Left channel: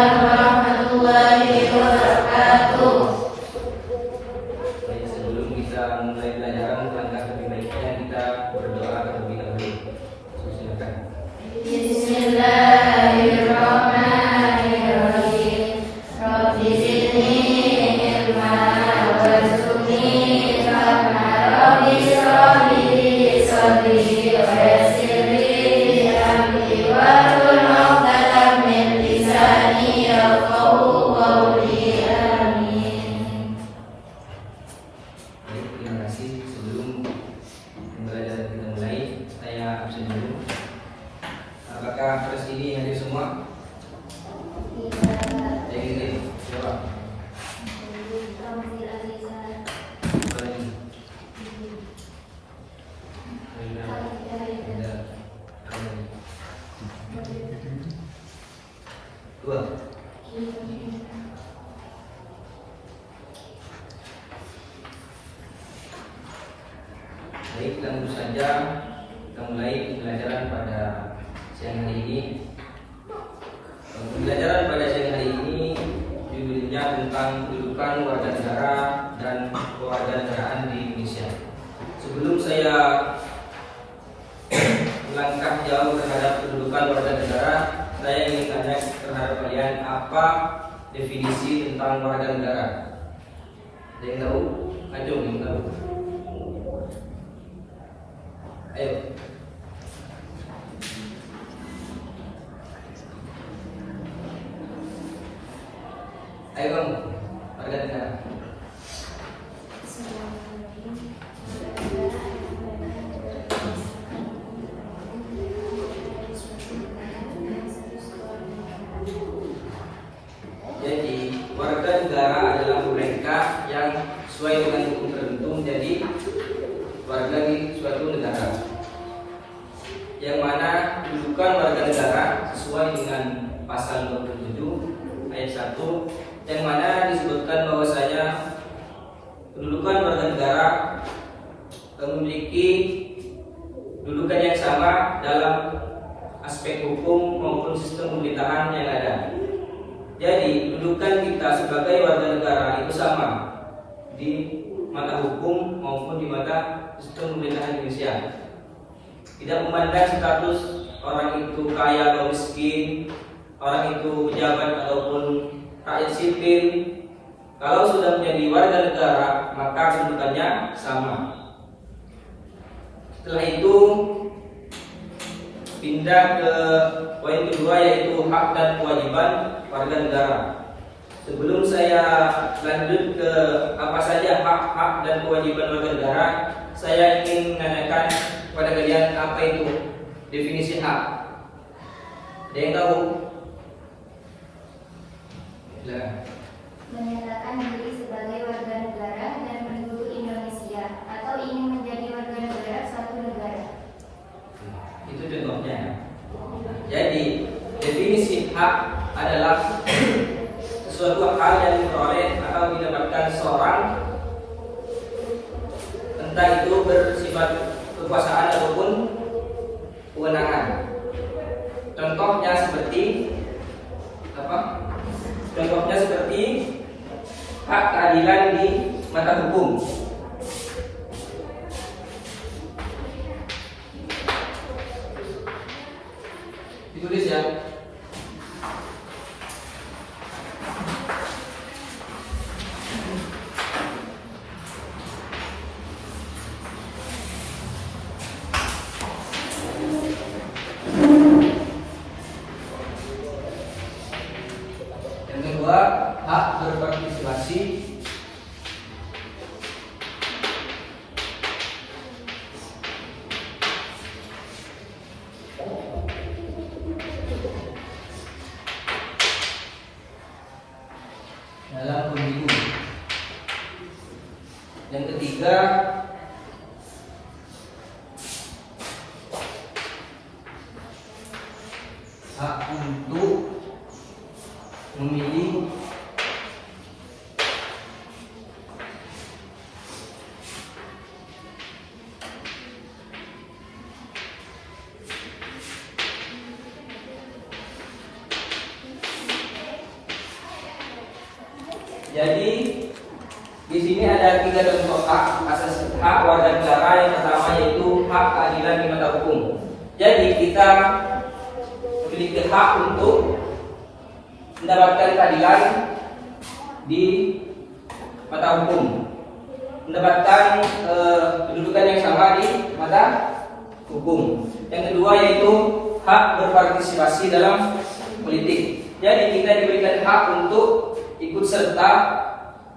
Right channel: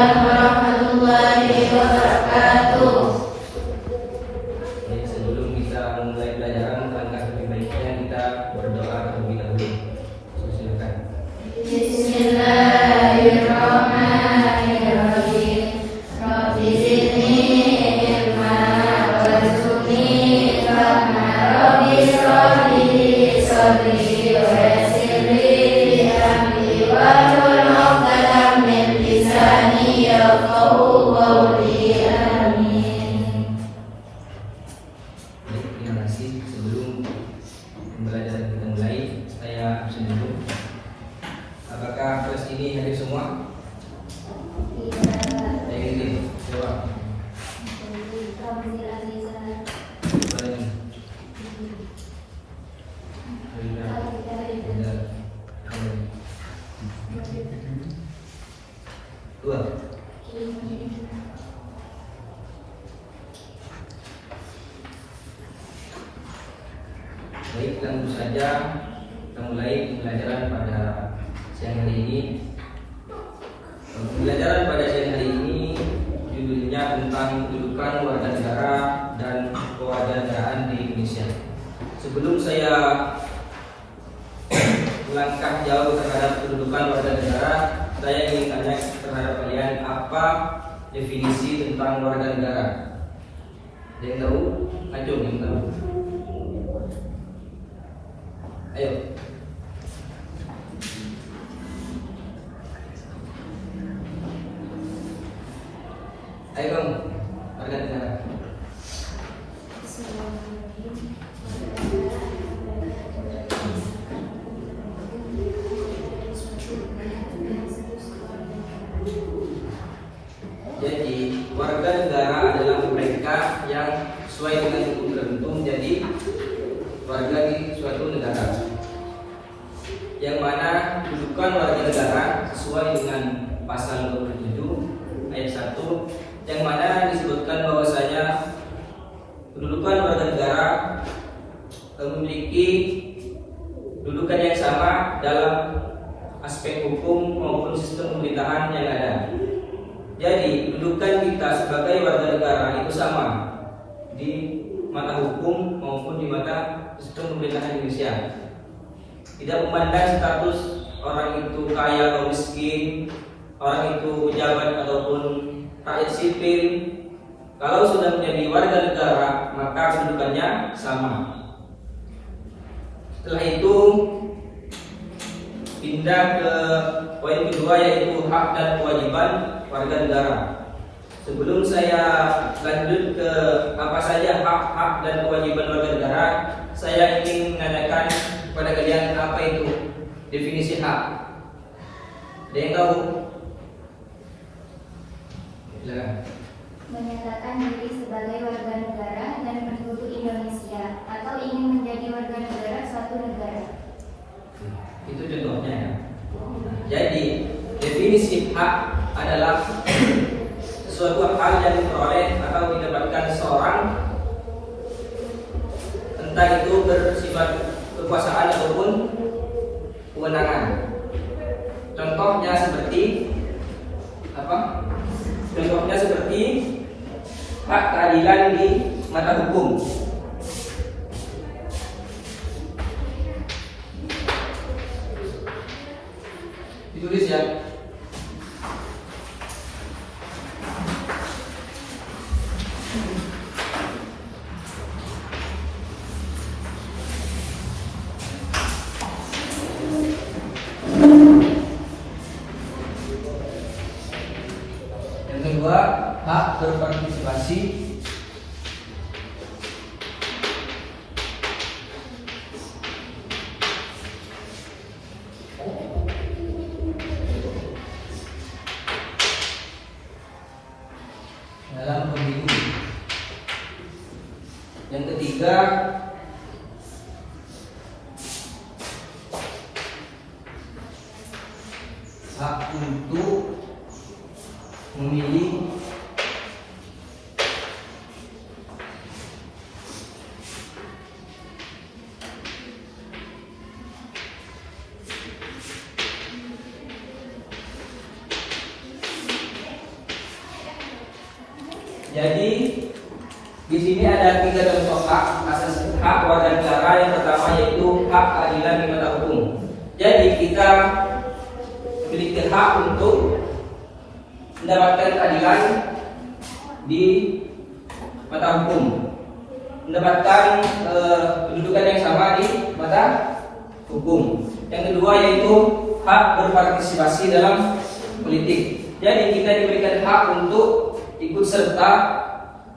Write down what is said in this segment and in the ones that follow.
warahmatullahi wabarakatuh. Baik, sebelum kita mulai pelajaran, langkah lebih baiknya kita berdoa terlebih dahulu. Silakan. Bismillahirrahmanirrahim. Rabbi zidni ilma warzuqni fahma. Rabbi shrah li sadri wa yassir li amri wahlul 'uqdatam min lisani yafqahu qawli. Amin. Terima kasih. Sebelum pembelajaran kita mulai, saya absen dulu. Apakah kelas ini hadir semua? Saya ingin jawab. Dua. Baik, langsung saja kita mulai pembelajaran pada siang hari ini. Pembelajaran pada siang hari ini judulnya tentang kedudukan warga negara dan kewarganegaraan di Indonesia. Sebelum saya melangkah jauh terhadap kedudukan warga negara, saya ingin tanya terhadap kalian, apa definisi tentang warga negara? Ada yang tahu? Ayo, yang tahu. Ayo. Ayo bang, warga negara. Jadi warga negara adalah mereka yang sesuai dengan hukum tertentu menjadi warga di suatu negara. Yang mana kedudukan warga negara sesuai dengan pasal 27 ayat 1, yang mana disebutkan bahwasanya kedudukan warga negara memiliki kedudukan yang sama dalam aspek hukum maupun sistem pemerintahan yang ada. Jadi kedudukan kita sebagai warga negara itu sama di mata hukum maupun di mata sistem pemerintahan Indonesia. Tidak memandang status orang itu kaya atau miskin, orang itu pejabat ataupun rakyat sipil. Kalau sudah menjadi warga negara, maka kedudukannya sama. Setelah itu pindah ke poin kedua, yaitu hak dan kewajiban warga negara. Sebelum saya lanjut ke apa saja hak-hak dan kewajiban warga negara, saya ingin menanyakan kepada kalian, apa itu definisi hak? Ada yang tahu? Silakan. Menyatakan diri sebagai warga negara dan penduduk Indonesia atau ingin menjadi warga negara suatu negara. Itu contohnya. Jadi definisi hak adalah sesuatu hal yang diperoleh atau didapatkan seseorang, entah itu bersifat kekuasaan ataupun kewenangan. Contohnya seperti apa? Contohnya seperti hak keadilan di mata hukum. Ditulis ya. Yang kedua, hak berpartisipasi. Dalam pemilu. Yang ketiga, hak untuk memilih Jadi di sini ada 3 contoh hak asasi hak warga negara. Yang pertama yaitu hak keadilan di mata hukum. Jadi kita memiliki hak untuk mendapatkan keadilan di mata hukum, mendapatkan kedudukan yang sama di mata hukum. Yang kedua yaitu hak berpartisipasi dalam politik. Jadi kita diberikan hak untuk ikut serta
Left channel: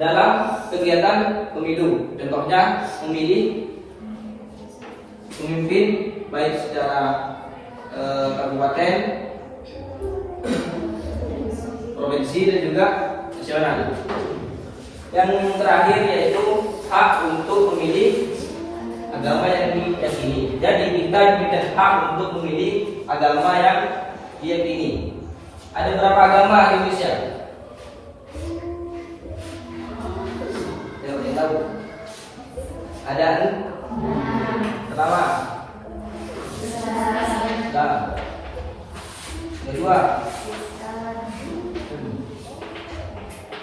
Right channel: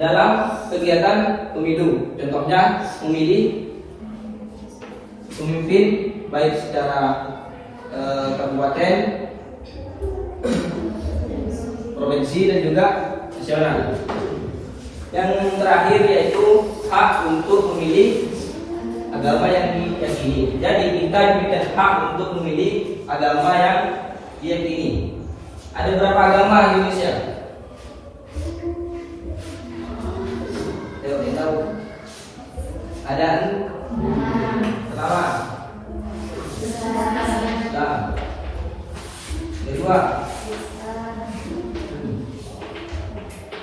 dalam kegiatan pemilu. Contohnya memilih pemimpin baik secara kabupaten, provinsi dan juga nasional. Yang terakhir yaitu hak untuk memilih agama yang diyakini. Jadi kita diberikan hak untuk memilih agama yang diyakini. Ada berapa agama di Indonesia? Saya tahu. Ada pertama. Islam. Kedua.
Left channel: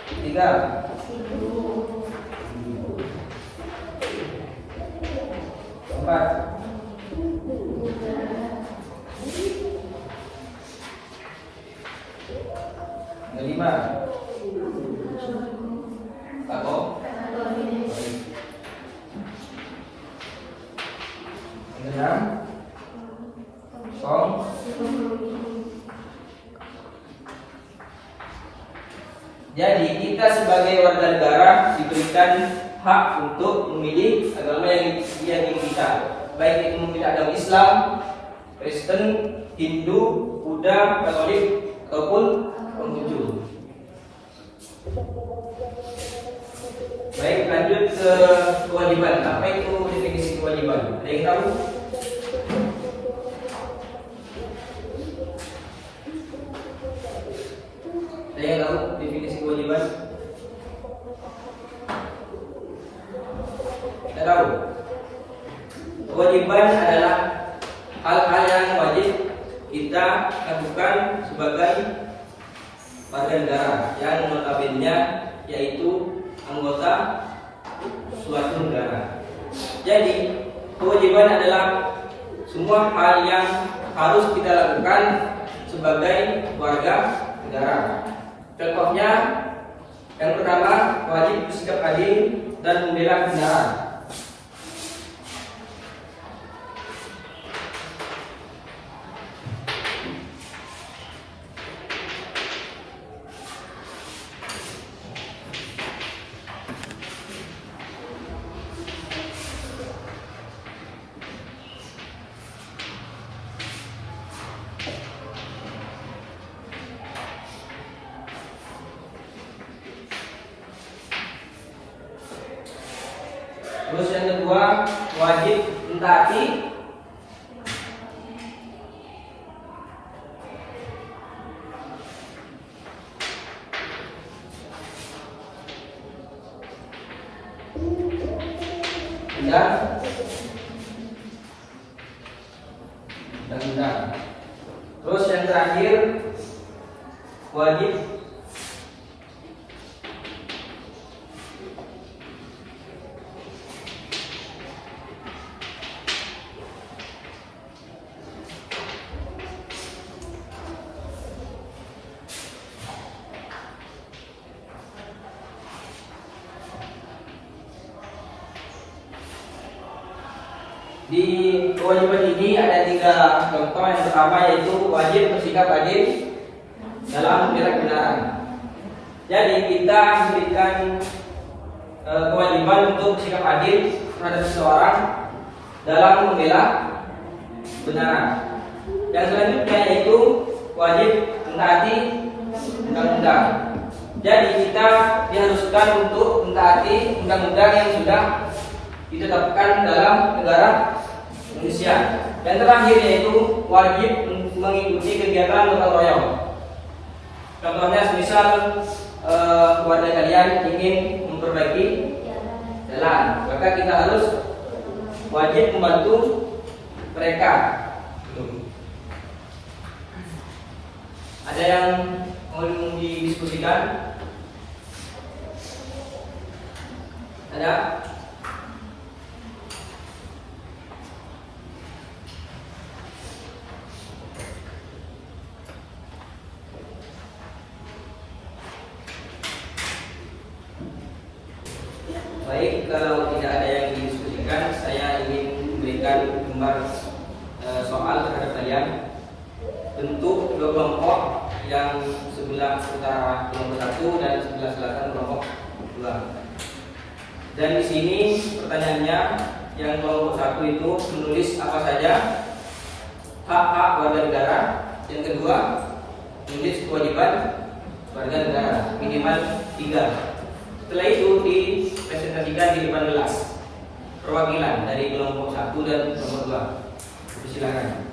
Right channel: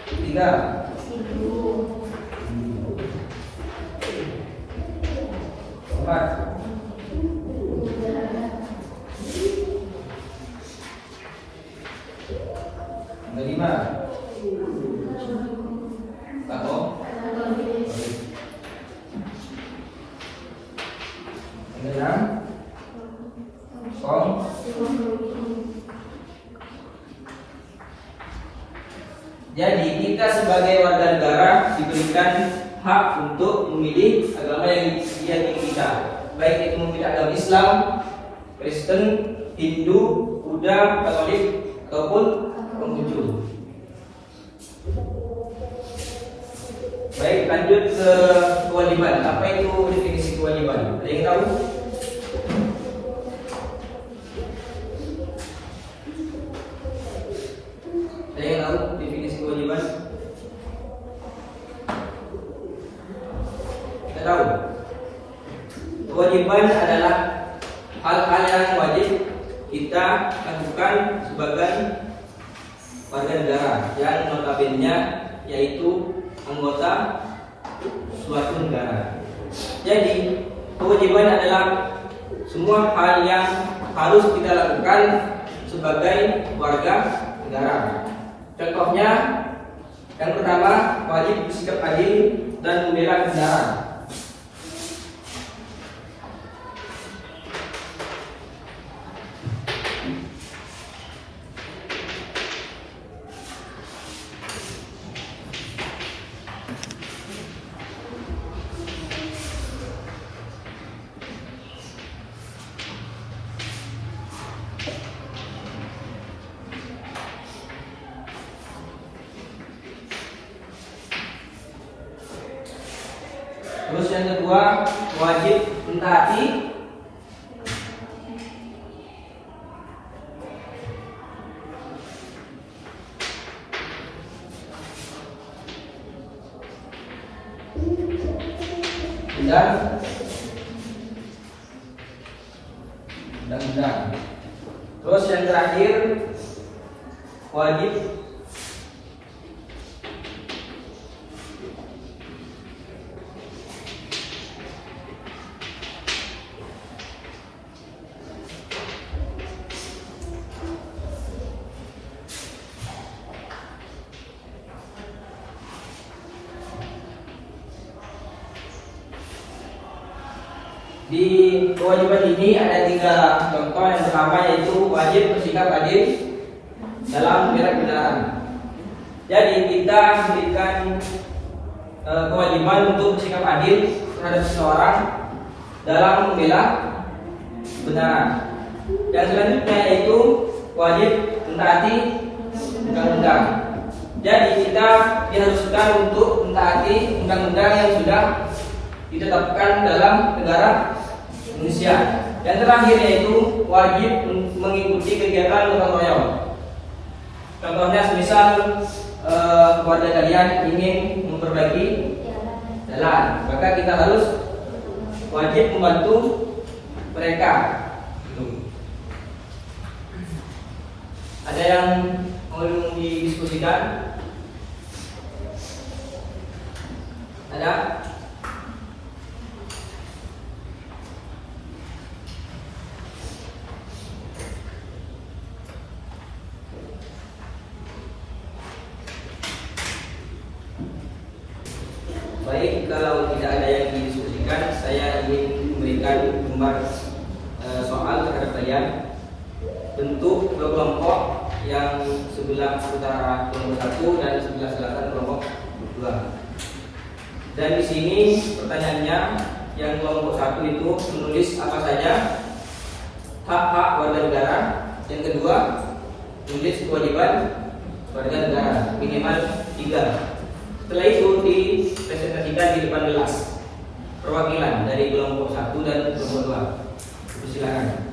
Ketiga. Keempat. Kelima. Satu. Kemudian Song. Jadi kita sebagai warga negara diberikan hak untuk memilih agama yang diyakini kita, baik itu mungkin agama Islam, Kristen, Hindu, Buddha, Katolik ataupun Konghucu. Baik, lanjut ke kewajiban. Apa itu definisi kewajiban? Ada yang tahu? Ada yang tahu definisi kewajiban? Kita tahu. Kewajiban adalah hal-hal yang wajib kita lakukan sebagai warga negara yang notabene yaitu anggota suatu negara. Jadi kewajiban adalah semua hal yang harus kita lakukan sebagai warga negara. Contohnya, yang pertama wajib bersikap adil dan membela kebenaran. Terus yang kedua wajib mentaati undang-undang. Terus yang terakhir wajib di kewajiban ini ada 3 contoh. Yang pertama yaitu wajib bersikap adil dalam membela kebenaran. Jadi kita diberikan kewajiban untuk bersikap adil terhadap seseorang dalam membela kebenaran. Yang selanjutnya yaitu wajib mentaati undang-undang. Jadi kita diharuskan untuk mentaati undang-undang yang sudah ditetapkan dalam negara Indonesia. Yang terakhir yaitu wajib mengikuti kegiatan gotong royong. Contohnya semisal keluarga kalian ingin memperbaiki jalan, maka kita harus wajib membantu mereka. Ada yang mau didiskusikan? Ada? Baik, kalau tidak ada yang didiskusikan, saya ingin memberikan gambar soal terhadap kalian. Bentuk dua kelompok yang sebelah utara kelompok 1 dan sebelah selatan kelompok 2. Dan di sini pertanyaannya, yang kelompok 1 itu menulis apa saja hak-hak warga negara. Yang kedua, menulis kewajiban warga negara minimal 3. Setelah itu dipresentasikan di depan kelas perwakilan dari kelompok 1 dan kelompok 2. Silakan.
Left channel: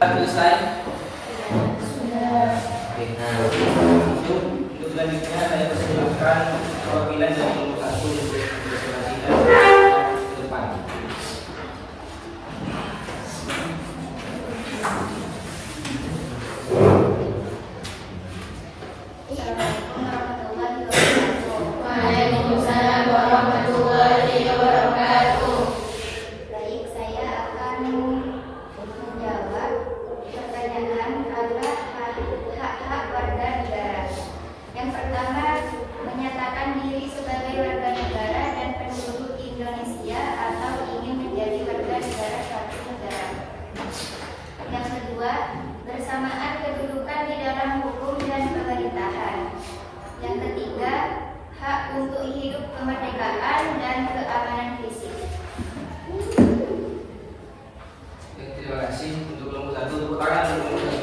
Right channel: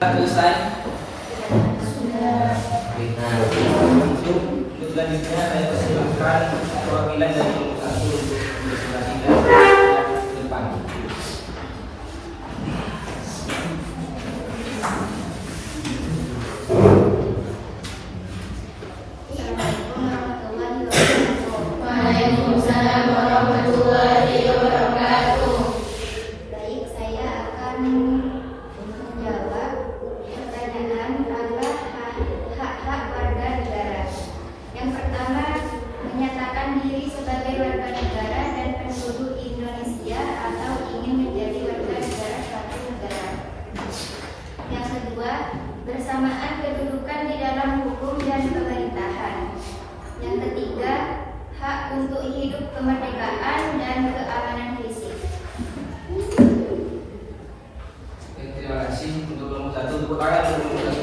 Selesai. Untuk selanjutnya saya persilahkan perwakilan dari kelompok 1 untuk berpresentasi ke depan. Waalaikumsalam warahmatullahi wabarakatuh. Baik, saya akan menjawab pertanyaan adalah hak-hak warga negara. Yang pertama, menyatakan diri sebagai warga negara dan penduduk Indonesia atau ingin menjadi warga negara suatu negara. Yang kedua, bersamaan kedudukan di dalam hukum dan pemerintahan. Yang ketiga, hak untuk hidup kemerdekaan dan keamanan fisik. Terima kasih untuk kelompok 1. Tepuk tangan untuk kelompok 1.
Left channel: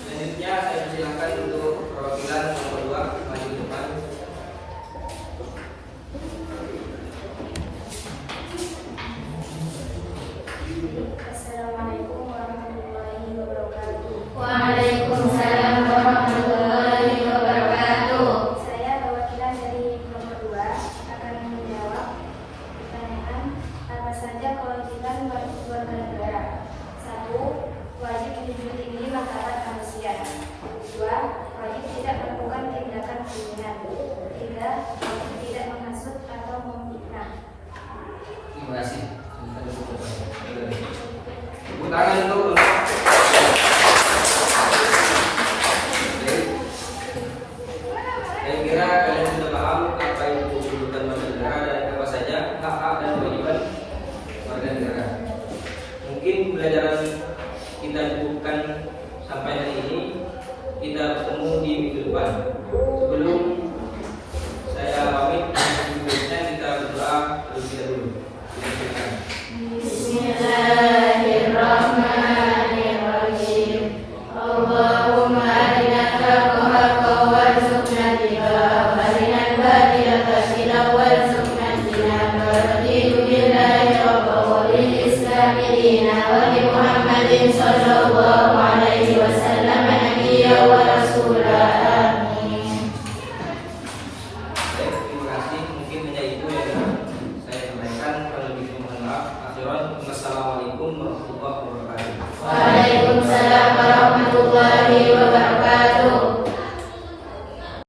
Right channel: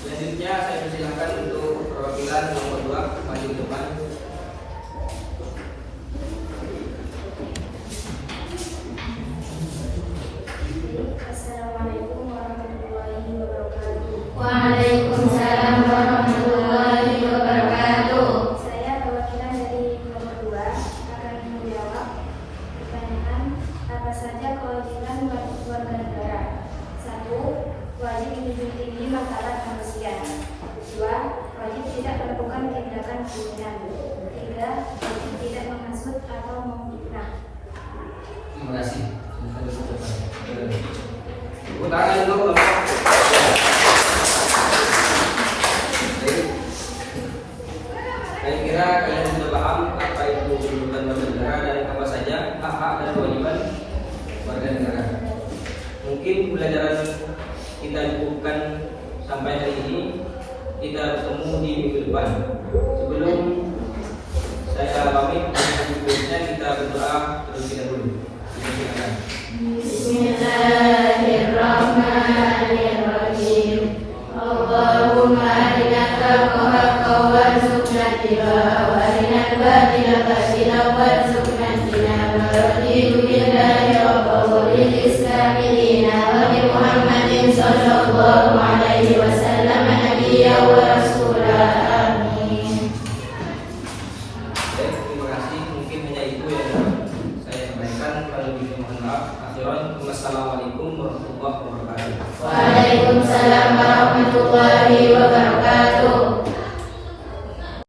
Selanjutnya saya persilahkan untuk perwakilan kelompok 2 maju ke depan. Assalamualaikum warahmatullahi wabarakatuh. Waalaikumsalam warahmatullahi wabarakatuh. Saya perwakilan dari nomor 2 akan menjawab pertanyaan apa saja kewajiban warga negara. 1. Wajib menjunjung tinggi martabat manusia. 2. Wajib tidak melakukan tindakan kriminal. 3. Wajib tidak menghasut atau memfitnah. Terima kasih. Tepuk tangan untuk Baik. Saya kira kalian sudah paham apa itu kedudukan warga negara dan apa saja hak-hak dan kewajiban warga negara. Mungkin pembelajaran kita cukupkan sampai hari ini. Kita bertemu di minggu depan. Sebelum saya pamit, sebelumnya kita berdoa terlebih dahulu. Silakan. Bismillahirrahmanirrahim. Allahumma arinakal haqqa warzuqna ittiba'ahu wa arinal batila batilan warzuqna ijtinaba. Billahi rabbil alamin wa bi Muhammadin sallallahu alaihi wasallam nabiyyan wa rasulah. Amin. Terima kasih. Mungkin hanya itu yang saya sampaikan. Kalau lebih mohon maaf. akhiran. Wassalamualaikum warahmatullahi wabarakatuh. Waalaikumsalam warahmatullahi wabarakatuh.